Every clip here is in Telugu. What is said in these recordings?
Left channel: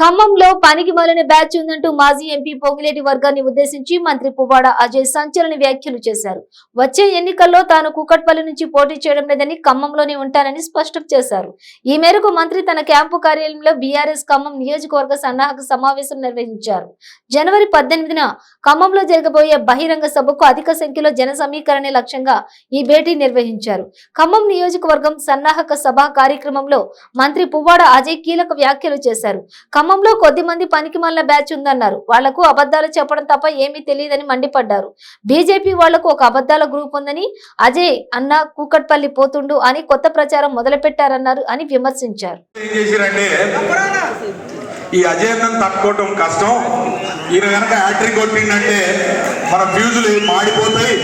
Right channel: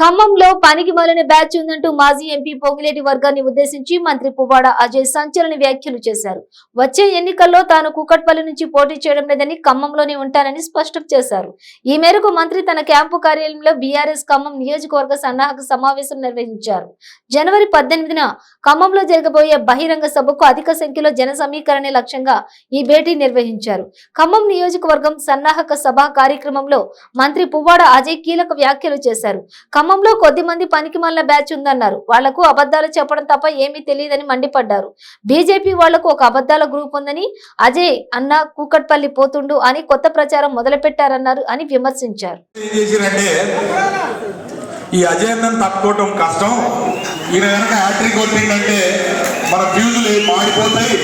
ఖమ్మంలో పనికి మాలిన బ్యాచ్ ఉందంటూ మాజీ ఎంపీ పొంగిలేటి వర్గాన్ని ఉద్దేశించి మంత్రి పువ్వాడ అజయ్ సంచలన వ్యాఖ్యలు చేశారు. వచ్చే ఎన్నికల్లో తాను కూకట్పల్లి నుంచి పోటీ చేయడం లేదని, ఖమ్మంలోనే ఉంటానని స్పష్టం చేశారు. ఈ మేరకు మంత్రి తన క్యాంపు కార్యాలయంలో బీఆర్ఎస్ ఖమ్మం నియోజకవర్గ సన్నాహక సమావేశం నిర్వహించారు. జనవరి 18న ఖమ్మంలో జరగబోయే బహిరంగ సభకు అధిక సంఖ్యలో జన సమీకరణే లక్ష్యంగా ఈ భేటీ నిర్వహించారు. ఖమ్మం నియోజకవర్గం సన్నాహక సభ కార్యక్రమంలో మంత్రి పువ్వాడ అజయ్ కీలక వ్యాఖ్యలు చేశారు. ఖమ్మంలో కొద్ది మంది పనికిమాలిన బ్యాచ్ ఉందన్నారు. వాళ్లకు అబద్ధాలు చెప్పడం తప్ప ఏమీ తెలియదని మండిపడ్డారు. బీజేపీ వాళ్లకు ఒక అబద్ధాల గ్రూప్ ఉందని, అజయ్ అన్న కూకట్పల్లి పోతుండు అని కొత్త ప్రచారం మొదలుపెట్టారన్నారు అని విమర్శించారు. ఈ అజయన్నం తట్టుకోవటం కష్టం. ఈయన కనుక హ్యాట్రిక్ కొట్టిందంటే మన ఫ్యూజులు మాడిపోతాయి,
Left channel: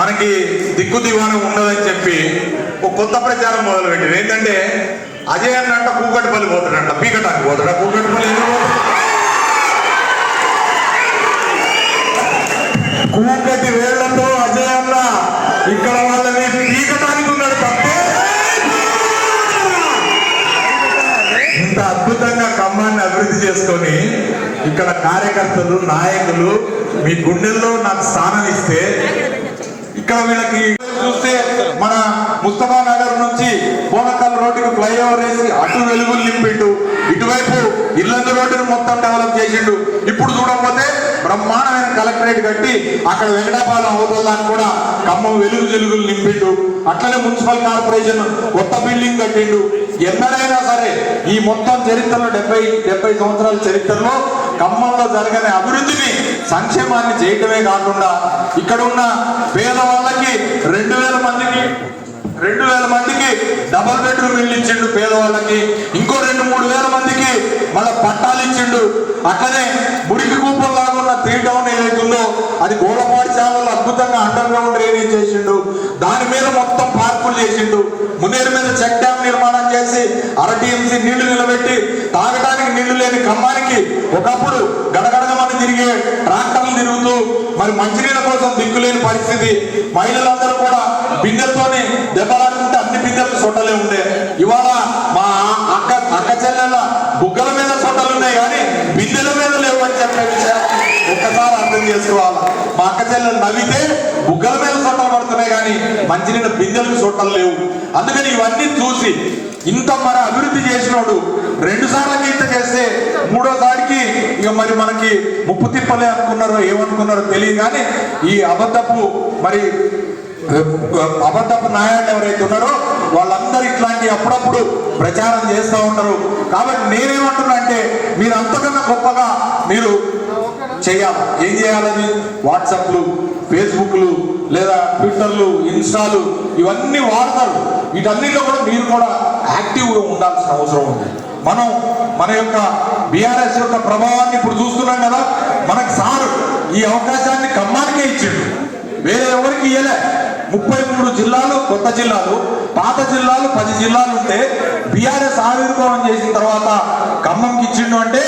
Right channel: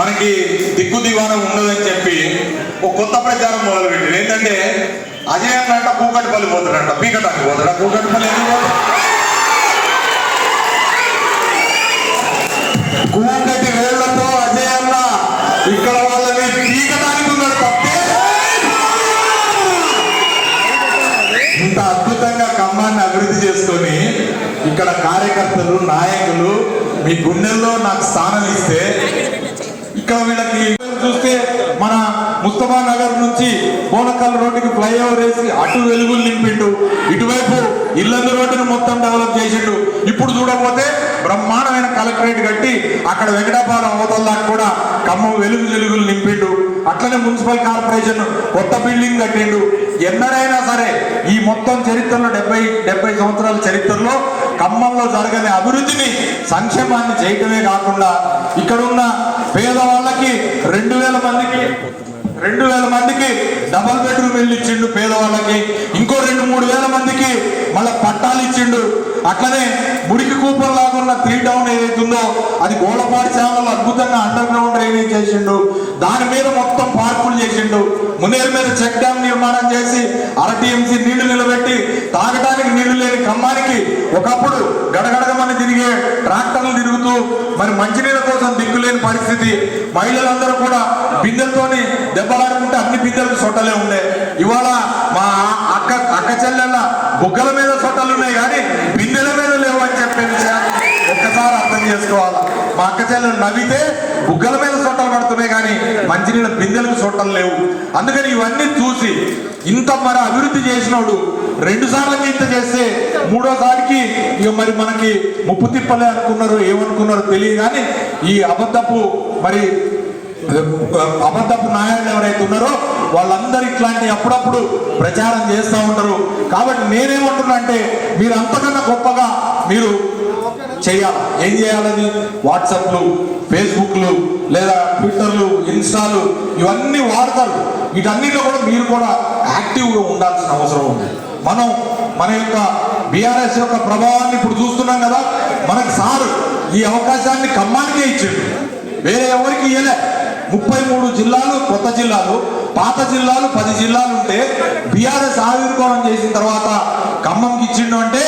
మనకి దిక్కు దివాణం ఉండదని చెప్పి ఒక కొత్త ప్రచారం మొదలుపెట్టారు. ఏంటంటే అజయ్ అన్న కూకట్పల్లి పోతాడంట, పీకటానికి పోతాడా? కూకట్పల్లి కూకటి వేళ్లతో అజయ్ అన్న ఇక్కడ వాళ్ళని పీకటానికి ఉన్నాడు తప్పే. ఇంత అద్భుతంగా ఖమ్మాన్ని అభివృద్ధి చేసుకొని ఇక్కడ కార్యకర్తలు, నాయకులు మీ గుండెల్లో నాకు స్థానం ఇస్తే, ఇక్కడ వీళ్ళకి చూస్తే మన ముస్తఫా నగర్ నుంచి బోనకల్ రోడ్డుకి ఫ్లైఓవర్ వేసి అటు వెలుగులు నింపిండు, ఇటువైపు ఇల్లందు రోడ్డును మొత్తం డెవలప్ చేసిండు. ఇప్పుడు చూడకపోతే బ్రహ్మాండమైన కలెక్టరేట్ కట్టి అక్కడ వెంకటాపాలెం అవతల్లానికి కూడా ఖమ్మం వెలుగులు నింపిండు. అట్లనే మున్సిపల్ కార్పొరేషన్ కొత్త బిల్డింగ్ కట్టిండు. ఎన్నడైనా సరే ఈ మొత్తం చరిత్రలో 70 సంవత్సరాల చరిత్రలో ఖమ్మంలో జరగని అభివృద్ధిని, సంక్షేమాన్ని చేయటమే కాకుండా ఇక్కడున్న పేదవాళ్ళకి 2000 మందికి డబుల్ బెడ్రూమ్ ఇల్లు ఇచ్చిండు పేదవాళ్ళకి. ఇంకో 2-3 వేల మందికి మళ్ళీ పట్టాలు ఇచ్చిండు. అట్లనే మురికి కూపం లాగున్న 3 టౌన్ ఏదైతుందో అది గోడపాటి సేవలు అద్భుతంగా అండర్ గ్రౌండ్ డ్రైనేజ్ చేసిండు. దాని మీద మొత్తం పార్కులు చేసిండు. మునేరు మీద చెక్ డ్యామ్ నిర్మాణం చేసి RTMC నీళ్లు నిలబెట్టి తాగడానికి నీళ్లు లేని ఖమ్మానికి ఒకప్పుడు గడగడగ మంది తిరిగే ట్రాక్టర్లు తిరుగుతూ మరి మంచినీళ్ళ కోసం దిక్కులేని పరిస్థితి. మహిళలందరూ కూడా బిందెలతోనే దెబ్బలాడుకుంటే అన్ని బిందెలకు సొట్టలే ఉండే. ఇవాళ మా అక్క చెల్లెల బుగ్గల మీద సొట్టలు ఉన్నాయి కానీ బిందెల మీద లేవు అని చెప్పే విషయాన్ని ఒక్కసారి అర్థం చేసుకోవాలి. మా అక్క చెల్లెలు నవ్వితే బుగ్గల మీద సొట్టలు పడుతున్నాయి కానీ మంచినీళ్ళ బిందెలకు సొట్టలు లేవు. అందుకని ఇవన్నీ చూసి ఇంత మరి అభివృద్ధి చేసినోడు 2 సార్లకి ఇంత చేస్తే 3వసారికి ఇక మరి మనకి ముప్పు తిప్పలే అనుకున్నారో ఏమనుకున్నారో తెలియదు. కానీ ఈ అబద్ధపు నాయాలు ఎవరైతే ఉన్నారో వాళ్ళందరూ ఇట్లాంటి అప్పుడప్పుడు ప్రచారం చేస్తూ ఉంటారు. కాబట్టి నేనేమంటున్నా అంటే మీరు అంతకన్నా గొప్పగా మీరు చేయాలి. ఏం చేయాలని? వాట్సాప్లు, ఫేస్బుక్లు, లేదా ట్విట్టర్లు, ఇన్స్టాలు ఇవన్నీ వాడతారు. వీటన్నిటిలో కూడా మీరు కూడా యాక్టివ్గా ఉండాల్సిన అవసరం ఉంది. మనం మన యొక్క బీఆర్ఎస్ యొక్క ప్రభావాన్ని ఇప్పుడు చూస్తున్నాం కదా. మనకు సారు ఈ అవకాశాన్ని ఖమ్మానికే ఇచ్చిండు, వేరే ఎవరికి ఇవ్వలే. 33 జిల్లాలు కొత్త జిల్లాలు, పాత జిల్లాలు 10 జిల్లాలు ఉంటే బీఆర్ఎస్ ఆవిర్భావం చేసిన తర్వాత ఖమ్మంకి ఇచ్చిండు అంటే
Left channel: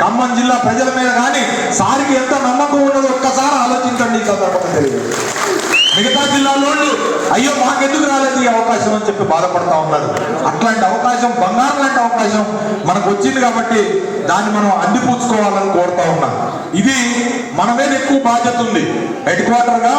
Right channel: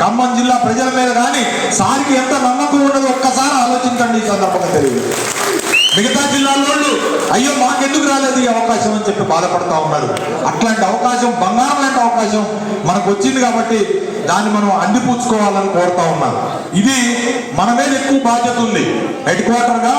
ఖమ్మం జిల్లా ప్రజల మీద కానీ సారికి ఎంత నమ్మకం ఉండదో ఒక్కసారి ఆలోచించండి. ఈ సందర్భంగా తెలియదు. మిగతా జిల్లాలో అయ్యో మాకెందుకు రాలేదు ఈ అవకాశం అని చెప్పి బాధపడతా ఉన్నారు. అట్లాంటి అవకాశం, బంగారం లాంటి అవకాశం మనకు వచ్చింది కాబట్టి దాన్ని మనం అందిపుచ్చుకోవాలని కోరుతా ఉన్నాం. ఇది మన మీద ఎక్కువ బాధ్యత ఉంది. హెడ్ క్వార్టర్గా